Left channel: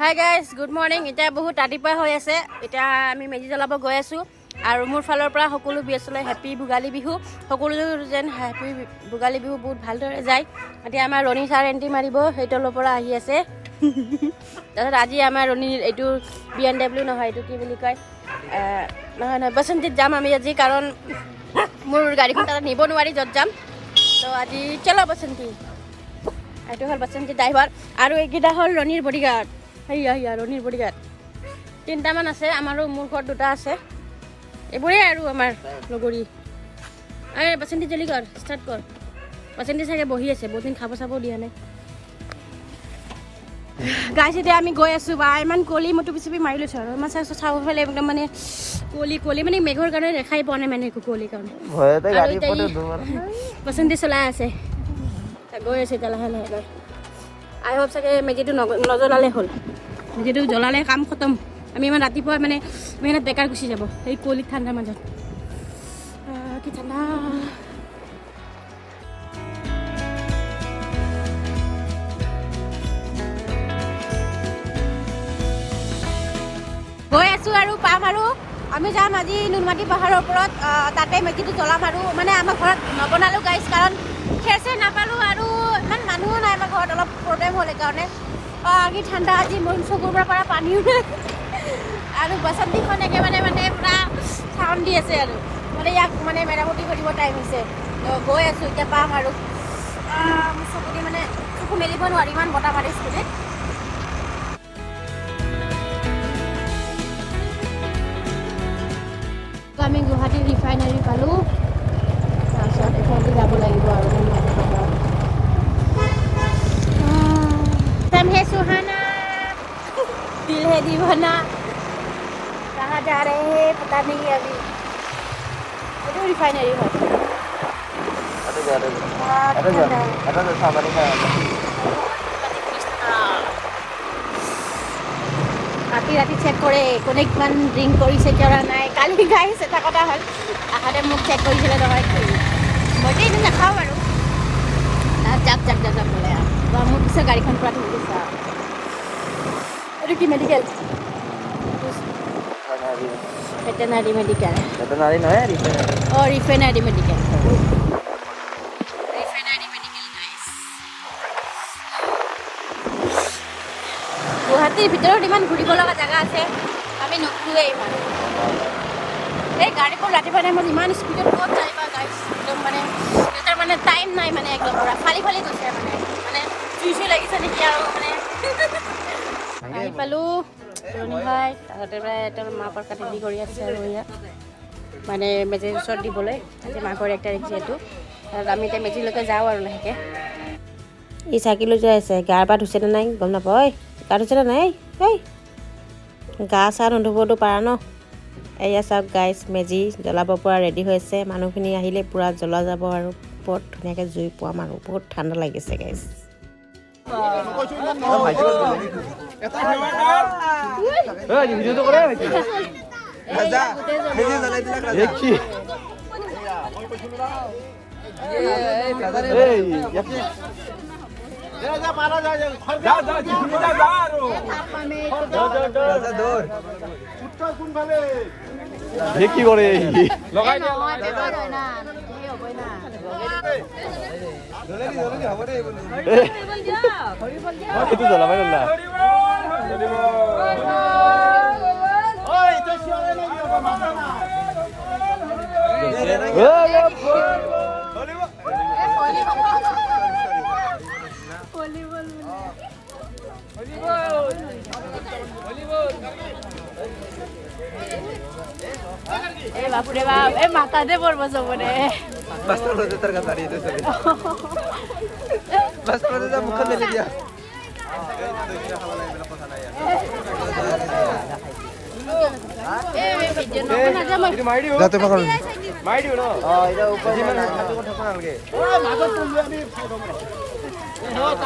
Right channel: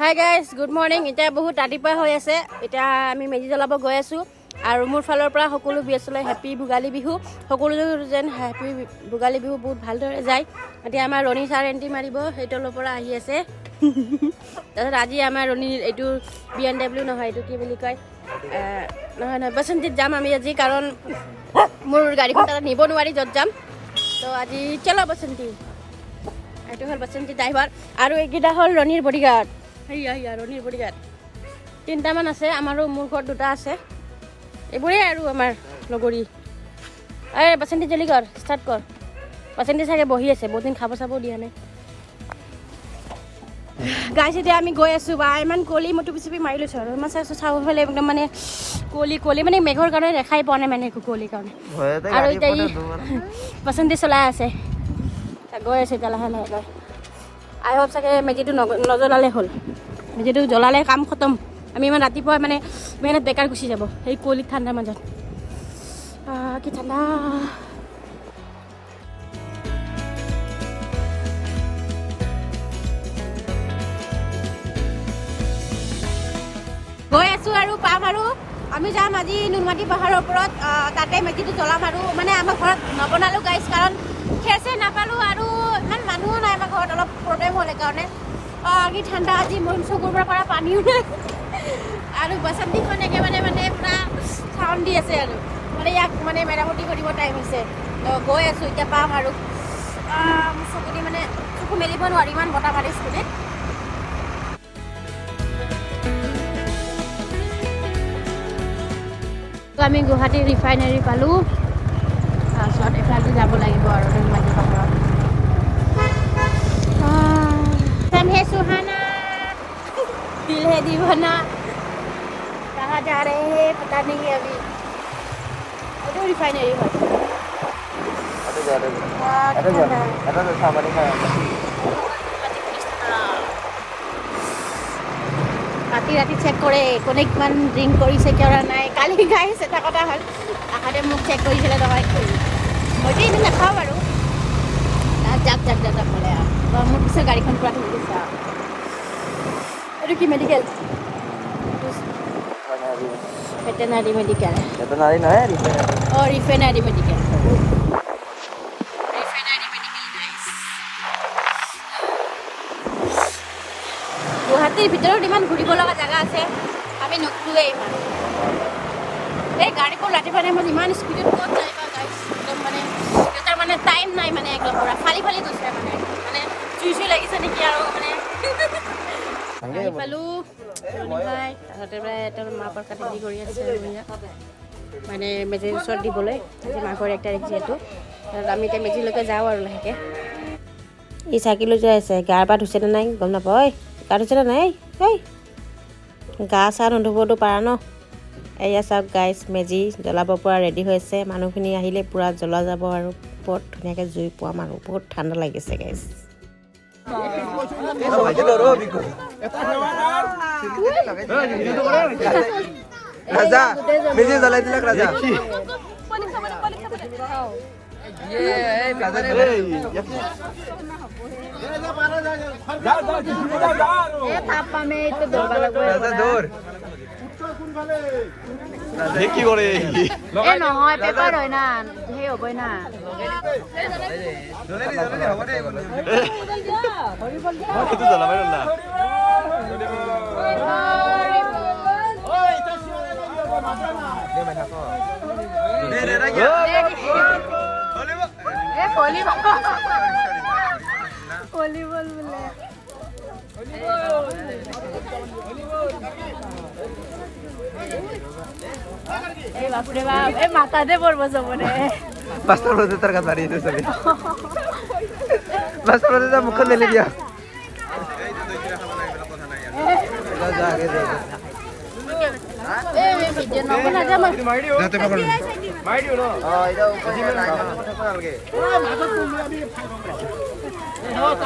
Hi guys, good morning. এতিয়া বহুত ৰাতিপুৱা হৈ আছে। এতিয়া আমি মেজি জ্বলাব গৈ আছোঁ আৰু মোৰ ফালৰ পৰা সকলো ব্যস্তলৈ হেপী ভোগালী বিহু। সকলো যেন হেপী ভোগালী বিহু বহুত ভালদৰে যায়। এতিয়া আমাৰ ৰণী ছাৰ এণ্ট্ৰি মাৰিব, সেইটোৰ পৰা আহি আছে। তাৰপিছত আজি আমাৰ ৰণীৰ এইটো BMW নহয়, এইটো কি বুলি কয়, নহয় বসন্তীত যাম আমি আজি, কাৰণ মোৰ গাড়ীখন তাত নিব নোৱাৰি য'ত যাম। তো আজি চলো বসন্তী। এইটো হ'ল বসন্তী ড্ৰাইভাৰ আৰু এইকেইটা হ'ল ৰণীৰ বডিগাৰ্ড। সেয়া ৰণীৰ বডিগাৰ্ড 3টামান আছে, আমাৰো মোৰ ঘৰত 2টা আছে। এইবোৰেই আৰু আমাৰ লগৰী। এই বসন্তী জলদি কৰ, ষ্টাৰ্ট কৰ। বসন্তী চাগে বহি আছে, বহুত দিন খাব চাব দিয়া নাই। গাইছ, এতিয়া আমি গৈ আছোঁ বা ইমান কলি মই টুপি চুপি মাৰি লৈছোঁ আৰু ইমান চাব ফালে একদম মানে কলি মানে মেঘৰ কাৰণে দেখাই পোৱা নাই মানে একো কলি কাৰণে। বসন্তী চলাই আছে, গৈ আছে এতিয়া লাহে লাহে। আই হোপ চাগে মেজিটো নজ্বলালে হ'ল। মেজিটো জ্বলালে কাম খতম। আমি ইমান ৰাতিপুৱা মানে মেহনত বেকাৰ গুচি যাব এই কুঁৱলীত ঠাণ্ডাৰ মাজত। কি ঠাণ্ডা। গৈ আছোঁ আৰু পাম আৰু আমি যাম আজি নুনমাটি পাহাৰৰ ওপৰত। তাতে মেজিটো জ্বলাম আৰু মানে আমাৰ ঘৰত নবনালোঁ গাইছ, কাৰণ ফ্ৰেছে নাপালোঁ আৰু ইমান মানুহো নাই আমাৰ ঘৰত, অলপ প্ৰব্লেম হ'ল সেইকাৰণে। কি ঠাণ্ডা আজি, মোৰ চকুৰ পৰা পানীও আৰু বসন্তীখন একেবাৰে মানে পূৰা চাউণ্ড দি আছে আৰু মানে ইয়াক মানে মেৰামতি কৰিব টাইম হৈছে। গৈ আছোঁ, এতিয়া পাম আৰু মোৰ চকুদি মানে চকু মেলিব নোৱাৰি, ইমান বতাহ মাৰি স্কুটিত। আমি গুৱাহাটী ৰিফাইনেৰী পালোঁ, তাৰপিছত এফালে যাব লাগিব আৰু নুনমাটি পাহাৰত। दिल है दीवाना, कहाँ जा रहे हैं पता नहीं अभी। वो रिफाइनरी है। ৰাতি চেক কৰে কোনে কিমান ড্ৰিংক কৰিছে কৰা নাই। কালি গাইছ এটা কথা হ'ল, আহোঁতে মোক চেক কৰিছিলে নহয়, মইতো এইটো নাখাওঁ বাৰু। জাপ কৰে আৰু মোৰ পিছত গাড়ীখন পৰা ধৰি গৈছে আৰু। এইটো কি মেডিকেল? Veterinary medical. ভেটেনাৰী নহয়, ৰিফাইনাৰী মেডিকেল। গুৱাহাটীৰ ভিতৰত ইমান ঘূৰিব লগা জেগা আছে, আমি নুঘূৰোৱেই ইমান। এই গাড়ীবোৰ ৰাতিপুৱা টাইমত ইমান স্পীডত ক'ত যায় বা গাইছ, একদম মানে সিহঁতৰ মানে টাইম নাই মানে একদম পৰা ফালি গৈছে মানে চুই লাগিছে নেকি আৰু মানে। আহি পালোঁ ৰণী ভাই, তাহাঁতে প্ৰায় তেওঁৰ মাকৰ কাটি কৰি আছে আৰু ইয়াত মানে মেজিৰ ওচৰত দিবলৈ। আজি মাঘৰ 1 তাৰিখ যিহেতু, আমি এতিয়া মেজিলৈকে যাওঁ আৰু লাহেকৈ। ই চাইকেল লৈ যাই আছে, গাৰ পা ধুইছেনে নাই গম নাপাওঁ। ঐ গা ধুইছেনে নাই? এই গা চা নুধুবতো পাৰা ন। এয়া চাওক গাইছ, মেজি জ্বলাব পৰা ৰেডি হৈছে। মানুহখিনি আহিলে পূৰা জ্বলা যাব আৰু বহুত ধুনীয়াকৈ জুই পোৱাম আৰু বহুত ঠাণ্ডা লাগিছে গাইছ। কি কৰে বাপৰে বাপ, এই মাথাতে পৰব চবৰে। মুখখন মেলি দিয়া। যাতে পাকড়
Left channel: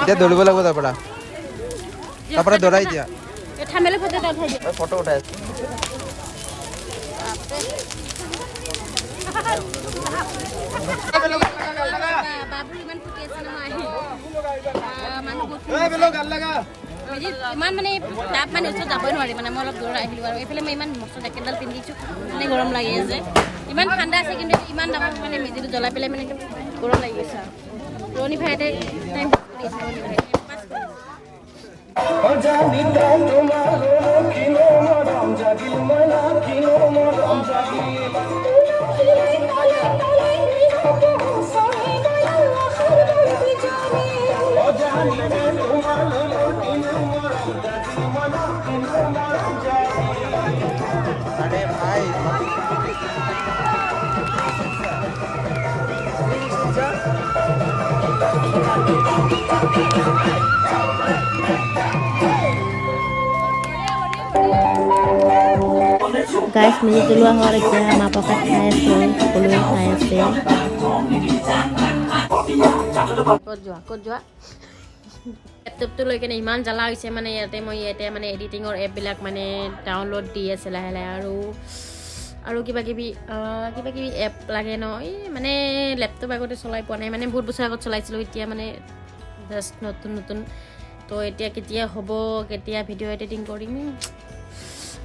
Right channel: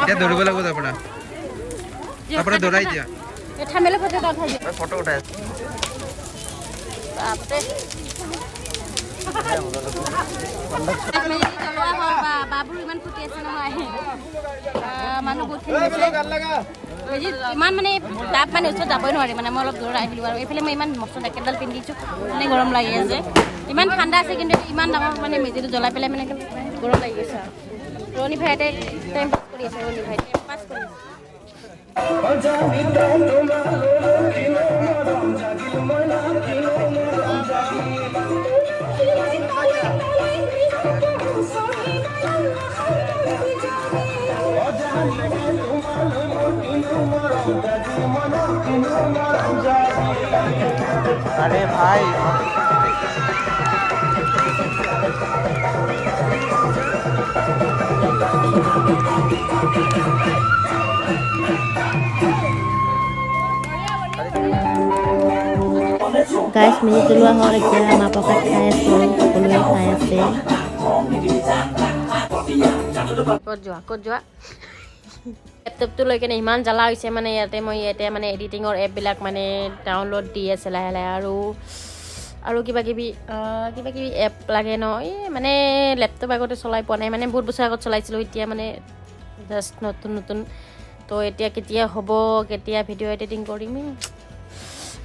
এতিয়া দৌৰিব লাগিব তাৰ পৰা দৌৰাই দিয়া। ফটো উঠাই আছো। বাবুৰ ইমান ফুটি আছে নহয়। মানুহ বহুতখিনি ইমান মানে তাত মানে ওচৰত যাবই নোৱাৰি মানে মই অলপ দূৰত আহিলোঁ আৰু এইফালে মই ইমান মস্ত জেকেটডাল পিন্ধিছোঁ মানে গৰম লাগি আছে ইমান ঠাণ্ডা আছে কিন্তু ইমান ডাঙৰ মানে মেজিটো জ্বলাই পেলাই মানে গৰম লাগি গৈছে আৰু ৰণী ভাইতে টাইম পাছ কৰি আছে ৰণী ভাই পাছ কৰি আছে अरे भाई গাইছ মেজি জ্বলোৱা হ'ল এতিয়া মাহ প্ৰসাদ খাই আছোঁ আৰু সকলোৱে খাই আছে ক'ত যোৱা লেপটপটো লৈ কেনে ইমান জ্বালা হৈছে মানে ইয়াতে মানে এডিটিঙৰ এপবিলাক মানে ডাউনলোড দি আছে লাহে লাহে আৰু কিবা কিবি এপ লাগে ন এই মানে লেপটপ আগতে চলাই পোৱা নাই মানে বহুত বছৰ আগত চলাইছিলোঁ এতিয়া মানে জাষ্ট নতুন তো এতিয়া কেতিয়া হ'ব কেতিয়া ভিডিঅ' এডিটিং কৰিম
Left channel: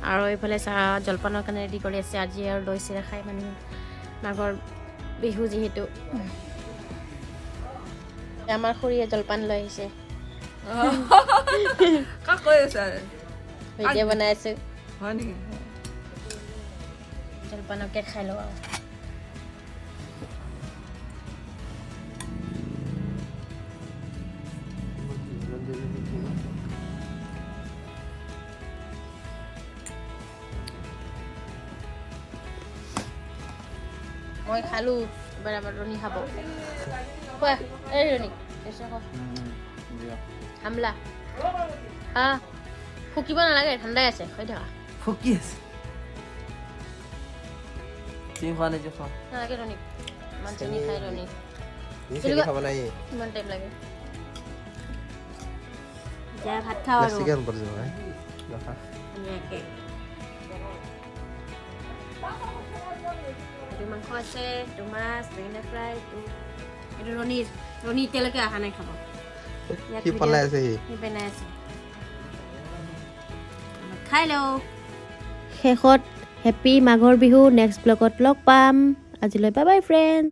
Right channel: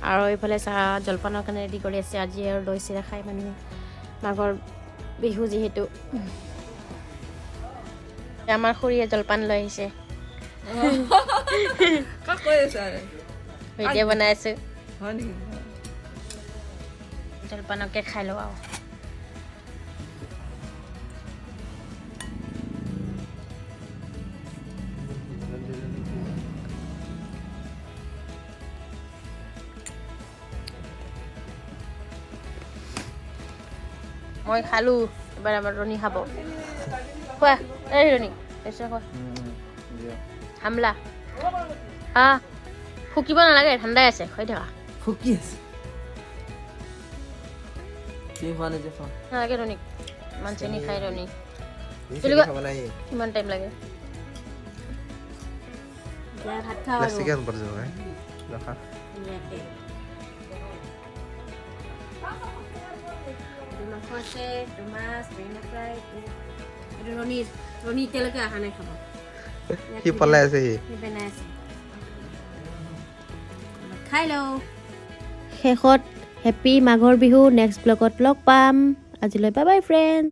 আৰু এইফালে চাহ জলপানৰ কাৰণে ৰেডি কৰি আছে আজি আৰু দৈ চিৰা খাই মানে মাঘৰ বিহু যিহেতু আমাৰ খুৰীয়ে জলপান লৈ আহিছে কাক কৈ আছা ভিডিঅ' বনাই আছে হয় নেকি জলপানকে খাই লওঁ আৰু মই খালোঁ এবাৰ আমাৰ ৰণী খাব খোৱা এই ৰণী এসে খোৱা হামলা হা ফুকিব নালাগে ঠাণ্ডাই আছে হৈ থাকা ফুকি আছে কি খোৱা নিজে খোৱা নালাগে ৰণী ইমান চেনি খাই ৰণী ইমান টাইম লাগে এতিয়া ভাত খাওঁ আৰু ধুনীয়াকৈ মাংস আছে মাছ বেঙেনা ফ্ৰাই এইটো ৰণী এতিয়ালৈকে অহা নাই খাব কি পলাই আছে সি বনাই আছে খাই লওঁ শেষত হেপী মাঘৰ বিহু নেক্সট ব্লগত লগ পাম আজিলৈ বাই বাই ফ্ৰেণ্ড